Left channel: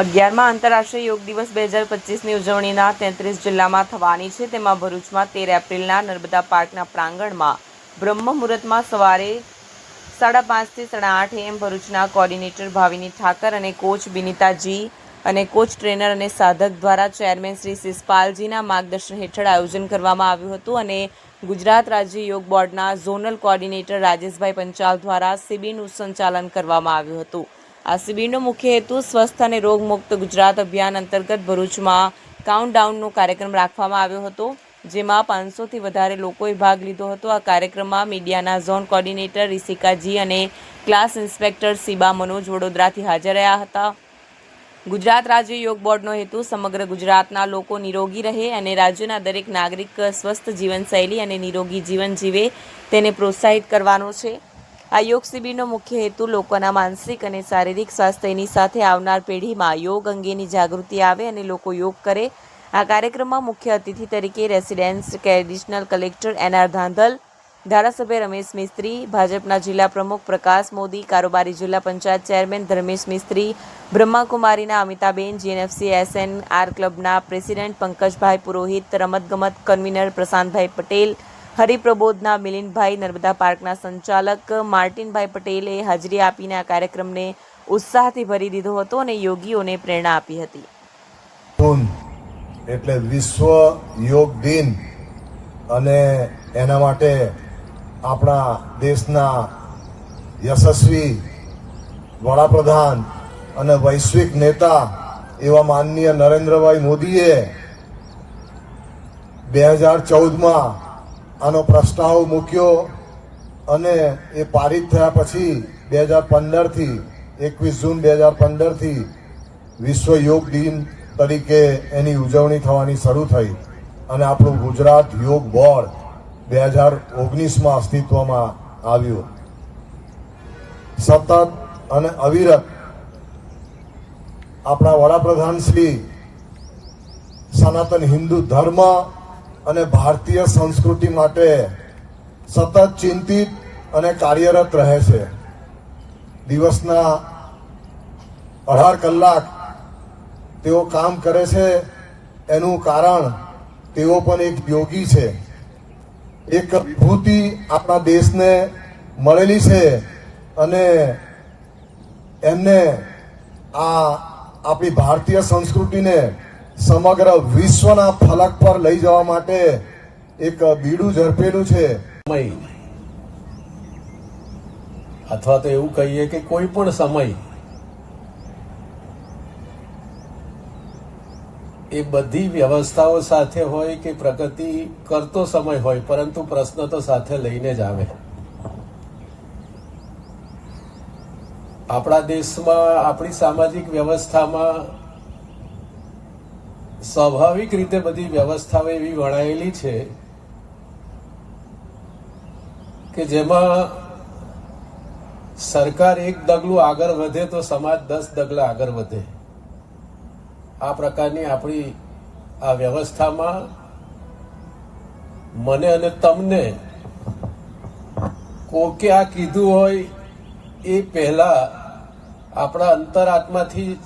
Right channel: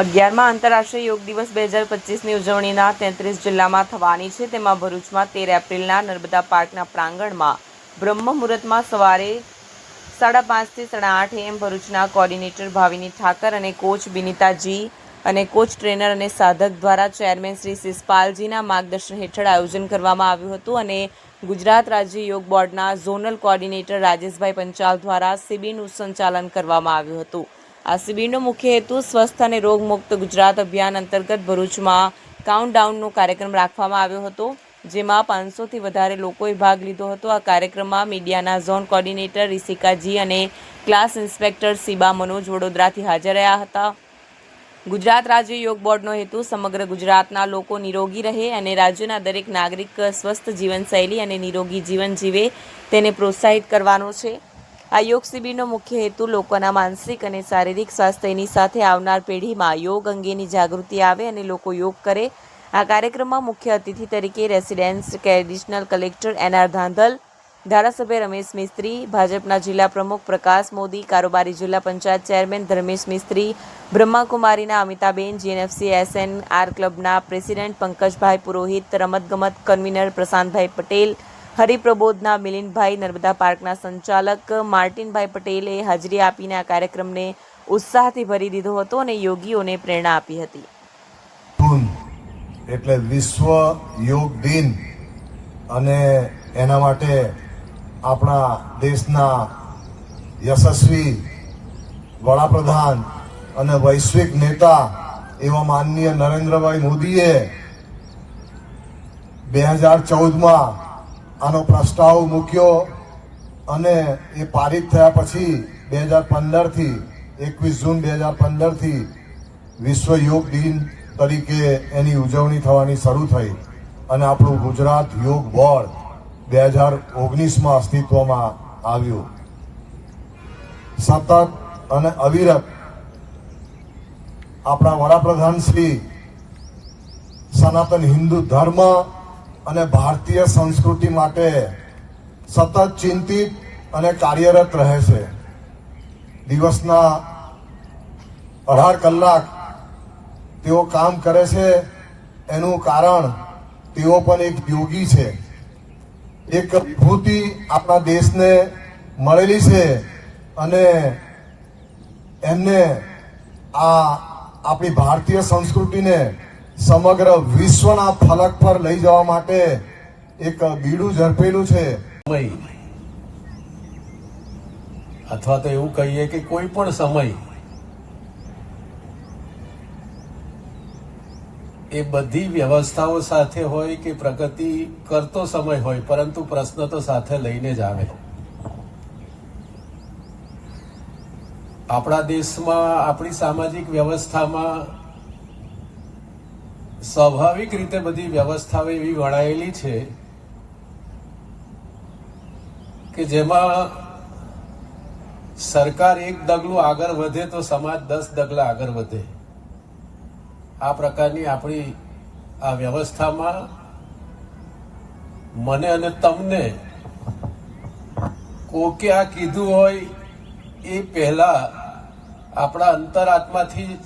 અગિયારમાં આંતરરાષ્ટ્રીય યોગ દિવસ બે હજાર પચીસની ઉજવણીના તેત્રીસ જિલ્લામાં થવાની છે. તેમાં ભરૂચમાં તેર એપ્રિલના નર્મદા પાર્કના પ્રાંગણમાં બ્રહ્મ મુહૂર્તમાં સવારે સાડા પાંચથી સાડા આઠ એમ ભરૂચના કોર્ડિનેટર ભાવિની ઠાકર અને કોચ બિનિતાજી અને કોચ ટ્રેનર અને સાધક દ્વારા ચેરમેન શ્રી શિષપાલજીના માર્ગદર્શન હેઠળ આયોજન કરવામાં આવ્યું હતું અને ગુજરાત રાજ્ય યોગ બોર્ડના ઝોનલ કોર્ડિનેટર રાજેશભાઈ પંચાલ દ્વારા શિબિરનું સંચાલન કરવામાં આવ્યું હતું. આ શિબિરનો મુખ્ય હેતુ સ્વસ્થ અને રોગમુક્ત ગુજરાત અભિયાન અંતર્ગત ભરૂચમાં કાઉન્ટડાઉનનો કાર્યક્રમ રાખવામાં આવ્યો હતો, જેમાં પાંચસોથી વધારે લોકોએ ભાગ લીધો હતો. આ કાર્યક્રમમાં મીડિયાના ઝોન કોર્ડિનેટર રિસિકાજી અને ક્લાસ ઇન્સ્પેક્ટર સીબા મનોજ વડોદરાથી હાજર રહ્યા હતા. ગુજરાત રાજ્ય યોગ બોર્ડનો હેતુ સમગ્ર ગુજરાતના લોકો નિરોગી રહે અને રાજ્યના દરેક નાગરિક સ્વસ્થ જીવનશૈલી અને નિરોગી જીવન જીવે તેને પ્રોત્સાહિત કરવાનો છે. આ યોગ શિબિરનો મુખ્ય હેતુ લોકોના માનસિક અને શારીરિક સ્વાસ્થ્યની સાથે આવનાર પેઢીમાં યોગ અંગેની જાગૃતિ આવે અને લોકો યોગ કરે. આ કાર્યક્રમમાં મુખ્ય અતિથિ તરીકે residence additional collector N R Dhandhal, ધારાસભ્ય રમેશ મિસ્ત્રી, ભાજપના જિલ્લા પ્રમુખ પ્રકાશ મોદી, કારોબારી જિલ્લા પંચાયત ચેરમેન ધર્મેશ મિસ્ત્રી, બ્રહ્માકુમારીના અમિતાબેન, જીએનએફસી એસએન આર ક્લબના પ્રેસિડેન્ટ પંકજભાઈ પુરોહિત, રમતગમત કન્વીનર પ્રશાંતભાઈ પટેલ હરિપ્રબોધના મિલિનભાઈ નર્મદા પાર્કના સંચાલક માર્ટિનભાઈ પટેલે હાજરી આપીને આ કાર્યક્રમને ઉત્સાહથી ભરી દીધો હતો અને યોગીઓને પ્રેરણા આપી હતી. એટલે વિશ્વ યોગ દિન અને એના માટે આપણા દેશના યશસ્વી વડાપ્રધાન અને વૈશ્વિક નેતા એવા માનનીય નરેન્દ્રભાઈ મોદીએ બે હજાર ચૌદમાં આનો પ્રસ્તાવ મૂક્યો અને એ પારિત થયા પછી બે હજાર પંદરથી, એકવીસ જૂન બે હજાર પંદરથી વિશ્વ યોગ દિન તરીકે એની ઉજવણી થવાની શરૂ થઈ અને આપણું ગુજરાત યોગ બોર્ડ બે હજાર ઓગણીસમાં અસ્તિત્વમાં આવ્યું. સતત અને અવિરત આપણા વડાપ્રધાન શ્રી સનાતન હિન્દુ ધર્મ અને ભારતીય સંસ્કૃતિ માટે સતત ચિંતિત અને કાર્યરત રહે છે. દિવસના અઢાર કલાક તેઓ કામ કરે છે, એનું કારણ તેઓ પણ એક યોગી છે. એક વિભૂતિ આપણા દેશને મળેલી છે અને એમને આ આપણી ભારતીય સંસ્કૃતિને સમગ્ર વિશ્વના ફલક પર લઈ જવા માટે એક બીડું ઝડપેલું છે. સમય. અથવા તો એવું કહીએ કે કોઈ પણ સમય એ બધી વ્યવસ્થાઓ સાથે હોય કે પ્રગતિ કરતો સમય હોય, પરંતુ પ્રશ્ન તો સાથે લઈને જ આવે. આપણા દેશમાં, આપણી સામાજિક વ્યવસ્થામાં સ્વાભાવિક રીતે બધી વ્યવસ્થાઓ એવી વણાયેલી છે કે જેમાં સરકાર એક ડગલું આગળ વધે તો સમાજ દસ ડગલા આગળ વધે. આ પ્રકારની આપણી આ વ્યવસ્થામાં મને અને તમને કોકે આ કીધું હોય એ પહેલા આપણા અંતરાત્માથી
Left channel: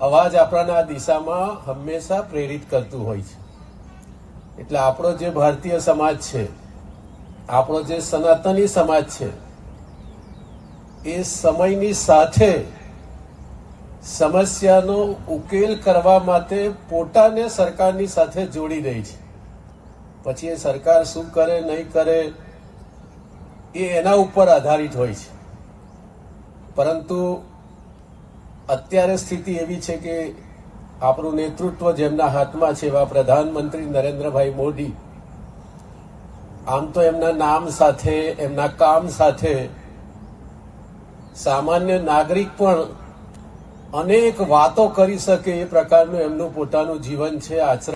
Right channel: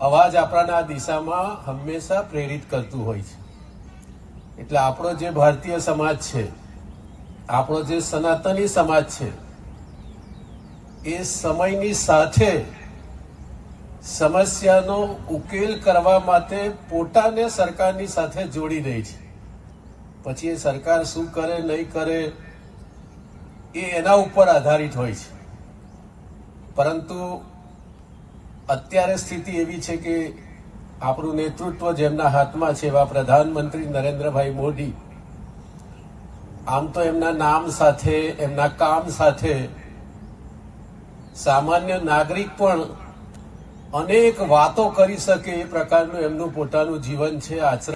અવાજ આપણાને આ દિશામાં હંમેશા પ્રેરિત કરતું હોય છે. એટલે આપણો જે ભારતીય સમાજ છે, આપણો જે સનાતની સમાજ છે, એ સમયની સાથે સમસ્યાનો ઉકેલ કરવા માટે પોતાને સરકારની સાથે જોડી રહી છે. પછી એ સરકાર શું કરે, નહીં કરે, એ એના ઉપર આધારિત હોય છે. પરંતુ અત્યારે સ્થિતિ એવી છે કે આપણું નેતૃત્વ જેમના હાથમાં છે એવા પ્રધાનમંત્રી નરેન્દ્રભાઈ મોદી, આમ તો એમના નામ સાથે, એમના કામ સાથે સામાન્ય નાગરિક પણ અનેક વાતો કરી શકે એ પ્રકારનું એમનું પોતાનું જીવન છે, આચરણ